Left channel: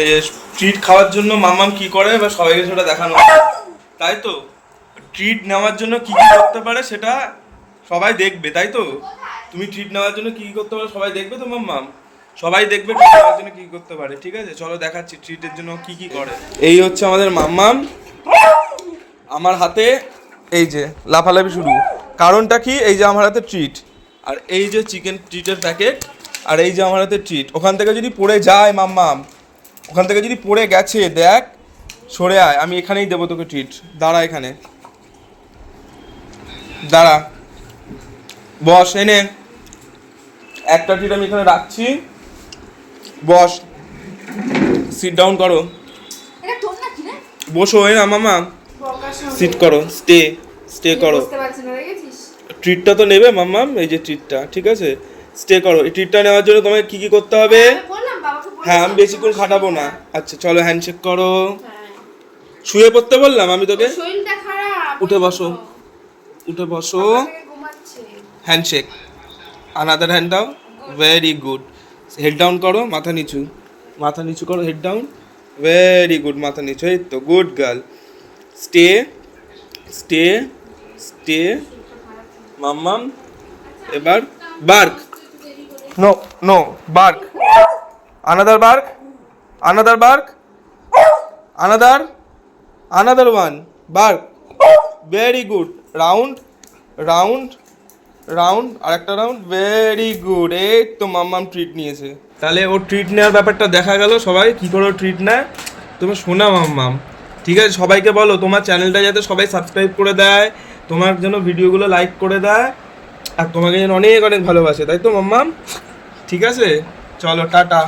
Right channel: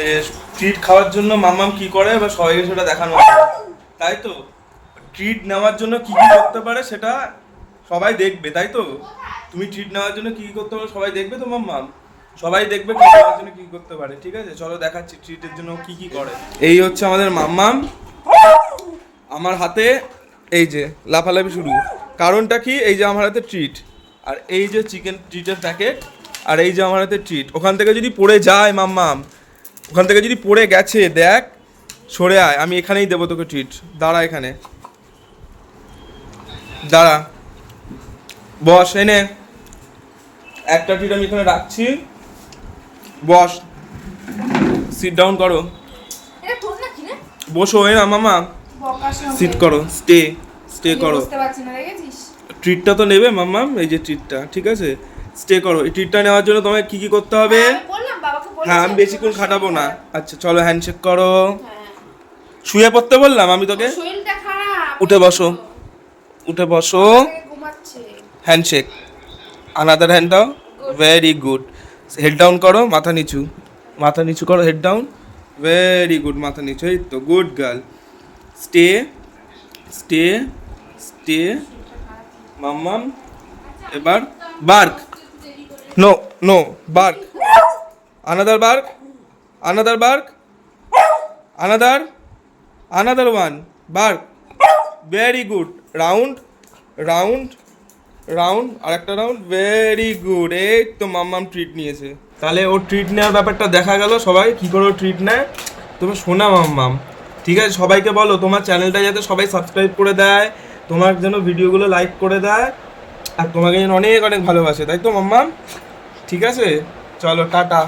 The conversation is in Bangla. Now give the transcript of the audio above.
এই ট্রিট খাওয়ার জন্য মাম্মাম কি করে বা সবাইকে সেটা দেখানো, তাই তো? ট্রিট নেওয়ার জন্য কি কি করতে পারে সেটা সবাই দেখবে, তাই তো? তুমি ট্রিট নেওয়ার জন্য কি কি করতে পারো সবাই দেখবে তো মাম্মাম? সবাই দেখবে ট্রিট নেওয়ার জন্য কি করতে পারে, ঠিক আছে? চলো দেখাচ্ছি ট্রিটের জন্য কি কি করে। এই হচ্ছে আমাদের মাম্মাম, আমার হাতে এই যে লাফালাফি শুরু। কারণটা কি? এই যে আমার হাতে ট্রিট, আর এই যে চিকেন ট্রিটের প্যাকেট, আর এই যে আমার হাতে ট্রিট। ওখান থেকে যদি পড়ে যায় মাম্মাম, ওখান থেকে যদি পড়ে গেছে, দেখ, সরে আয়, আমি এখানেই দেবো তোকে ট্রিট। দাঁড়া এখানে, দাঁড়া, বস, এনে একটা ট্রিট আমি এখানে রাখছি, বস, সিট ডাউন করো, বসো। এই না মামা, সিট করো, স্টে করো। ট্রিটটা তো নেবে মাম্মাম, এই যে ট্রিটটা, ঠিক আছে? স্টে করো। এই ট্রিটটা নেওয়ার জন্য তোমাকে কি কি করতে হবে? হ্যাঁ, আমি বেশিক্ষণ খাটাবো না। আচ্ছা চলো, হ্যান্ডশেক করো। শুয়ে পড়তে বললাম আমি তোকে? উঠে বসো, উঠে বসো, হ্যান্ডশেক, আনাদার হ্যান্ড দাও, ভেরি গুড। হেড ডাউন করো, মাথা নিচু, মাথা নিচু করো, হেড ডাউন, ভেরি গুড, মাথা নিচু, এই তো, good girl. Stay stay stay Mammam. এবার bark, no no, bark, another bark, another bark, another, another one, bark, very good. Round round round, আর একটা রাউন্ড, ভেরি গুড। এই তো মাম্মাম ট্রিট নিয়েছে। তাহলে ও ট্রিট নেওয়ার ব্যাপারটা দেখা গেল, সবাই কি করে ট্রিট নেয়। তোমার শোনা মাম্মাম, ঠিক আছে? সবাইকে বলো তোমার চ্যানেলটা যাতে সবাই সাবস্ক্রাইব করে দেয়, তোমার যেন ভিডিওগুলো লাইক করে দেয়, আর তোমাকে যেন অনেক অনেক ভালোবাসে, তাই তো মাম্মাম? ঠিক আছে, চলো টাটা।